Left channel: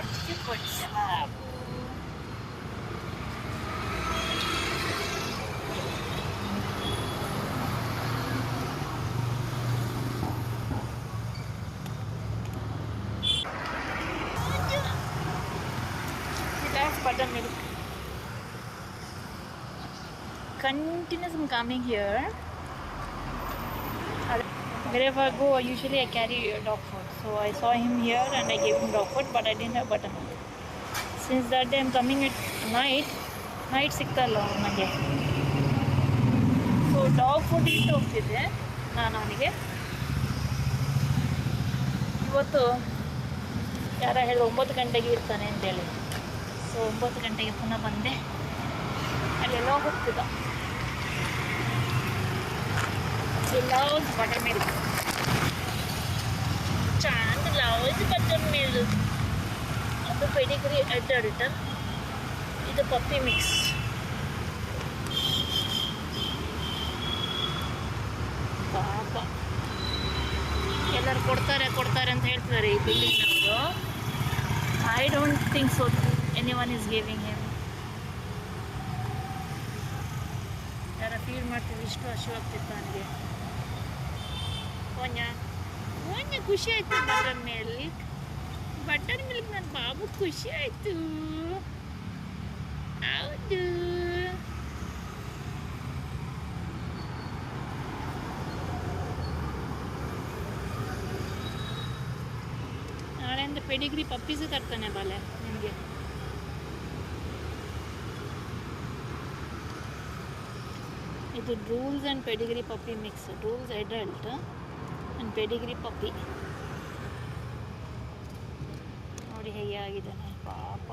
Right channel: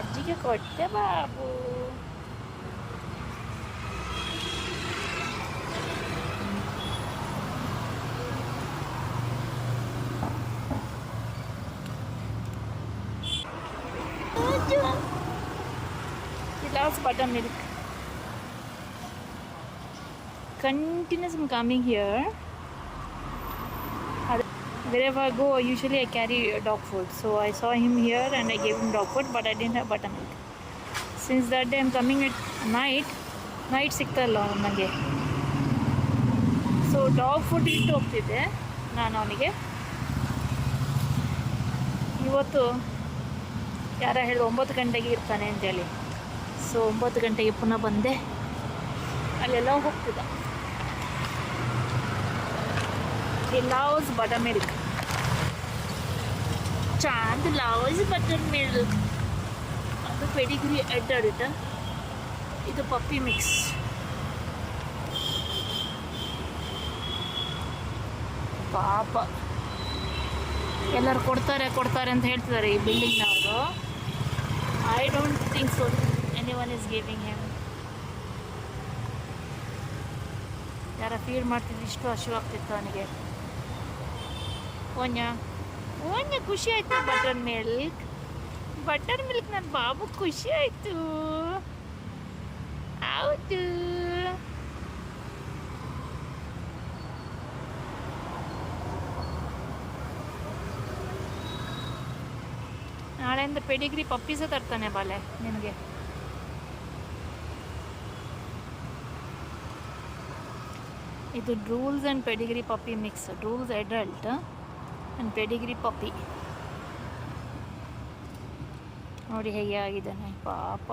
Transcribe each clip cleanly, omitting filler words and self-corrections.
ಅಜ್ಜಿಗೆ ಕೊಟ್ಟೆ Babu. That's buttermilk. Continuous coming here. Wherever I go, usually I carry dog food. So I saw him here and I gave him dog food, but I didn't have buttermilk. Since that day I'm coming at night ಸಿಗ್ತಲ್ಲ ನನಗೆ. So dog food ಇಟ್ಟು ಹೋಗ್ತಿದ್ದೆ ನಾನು ಅವನಿಗೆ. ಇವತ್ತು ಯಾರ ಹೇಳಿದ್ರು 9 ಗಂಟೆಗೆ ಇರ್ತಾನೆ ಅಂತೇಳಿ. ಸೊ 9 ಗಂಟೆಗೆ ಪುನಃ ಬಂದೆ. ಅಲ್ಲೆಲ್ಲ ಹೋಗ್ತಿದ್ದ. He loves buttermilk. Chand loves buttermilk. ಅದು ಪೆಡಿಗ್ರಿ ಅಡ್ಡಾಡುತ್ತಾ. ಇದು ಪಪ್ಪಿ ಮಿಕ್ಸ್. ಪಾಪ ಏನಾರು ಕೊಡ್ತಾರೆ ಅಂತ ಹೇಳ್ತಿದ್ದಾರೆ ಈ ಬಿಲ್ಡಿಂಗ್ನವರು. I don't think so anyone is giving him. ಯಾರ ಫೀಲ್ ಮಾಡ್ತಿದ್ದು ಇಷ್ಟು ಹಸಿವಾಗ್ತಿತ್ತು ಅವನಿಗೆ. ಓನ್ಯ ಖುಷಿ ಆಯ್ತು. ಬಟರ್ ಮಿಲ್ಕ್ ನನ್ನ ಬಾಬು ಖುಷಿ ಆಯ್ತು. ಹೌದು. ನಾಳೆಯಿಂದ ಪೆಡಿಗ್ರಿ ಪಪ್ಪೀಸ ತರ್ತಾನೆ ಬಾಲೆ ನಿಮಗೆ. ಇದು Drools and Pedigree puppy mix. Drools adult and Pedigree puppy. ನೋಡಿ ಹೇಗೆ ಆಗಿದ್ದಾನೆ ಪಾಪ.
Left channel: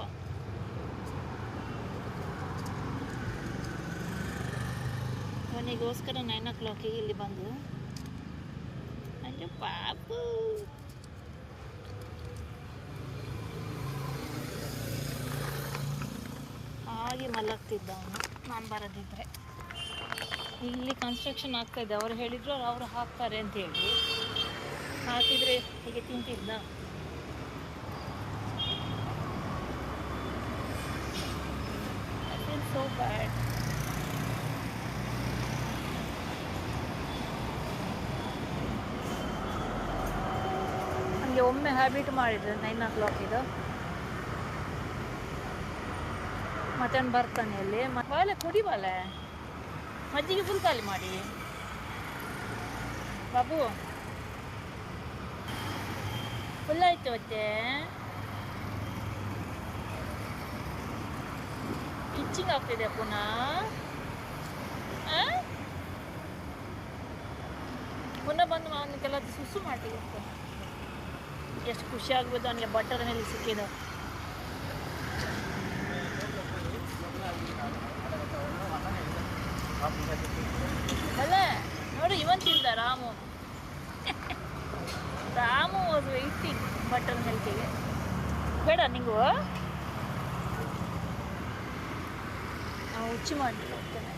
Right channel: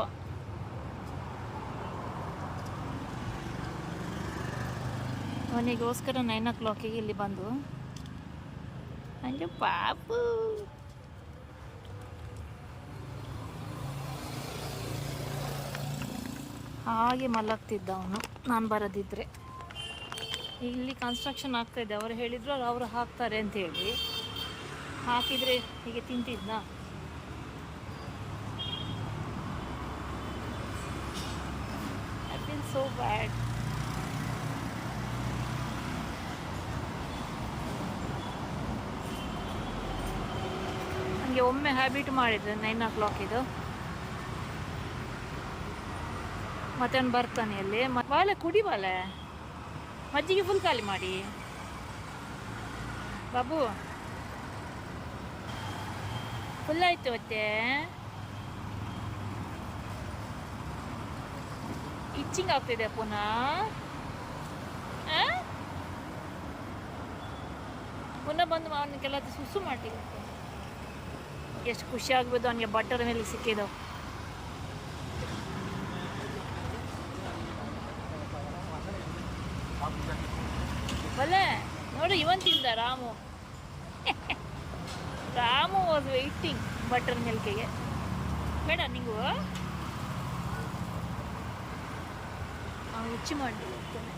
ಅವನಿಗೋಸ್ಕರ 9 o'clock ಇಲ್ಲಿ ಬಂದು ಅಂದರೆ ಪಾಪು. ಹಾಗೆ ಮಲಗ್ತಿದ್ದ ಅವನು ನಾನು ಬರೋದಿದ್ರೆ. ಇಲ್ಲಿ ಕನ್ಸ್ಟ್ರಕ್ಷನ್ ಆಗ್ತಾಯಿದ್ದೆ. ಅವರು ಹೇಳಿದ್ರು ಅವರು ಹಾಕ್ತಾರೆ ಅಂತೇಳಿ. ಹಾಕಿದರೆ ಹೀಗೆ ತಿಂತಿದ್ದ. I feel so bad. ನನಗೆ ಒಮ್ಮೆ ಹ್ಯಾಬಿಟ್ ಮಾಡಿದ್ರು 9 o'clock ಇದು. ಮತ್ತೆ ಅವ್ನು ಬರ್ತಾನೆ ಅಲ್ಲಿ. ಬಾಲೆ ಕುಡಿ ಬಾಲೆ. ಮಜ್ಜಿಗೆ ಫುಲ್ ಖಾಲಿ ಮಾಡಿ ಬಾಬು. ಫುಲ್ ಆಯ್ತು. ಮತ್ತೆ ಇಚ್ಚಿಂಗ್ ಆಗ್ತಿದೆ ಪುನಃ. ಪುನಃ ಬಂದು ನಾನು ಕೆಲ ಸುಸು ಮಾಡ್ತಿದ್ದೆ. ಎಷ್ಟು ಖುಷಿ ಆಗ್ಬೋದು ಅವನಿಗೆ ಬಟರ್ ಮೇಲೆ ಸಿಕ್ಕಿದ್ದು. ಅಲ್ಲ ನೋಡು ಇವನ್ ತಿಂದ Ramu. Ramu was waiting butter ಮಿಲ್ಕಿಗೆ. ಬೇಡ ನಿಂಗು. ನಾವು ಹುಚ್ಚಿ ಮಾಡಲಿಲ್ಲ ಹೋಗ್ತಾನೆ.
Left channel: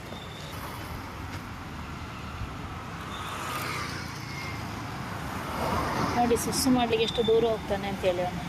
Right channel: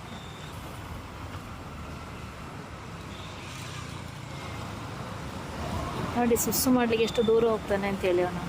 ನೋಡಿ ಸುಸ್ಸು ಮಾಡ್ಲಿಕ್ಕೆ ಎಷ್ಟು ದೂರ ಹೋಗ್ತಾನೆ ಅಂತೇಳಿ ಅವನು.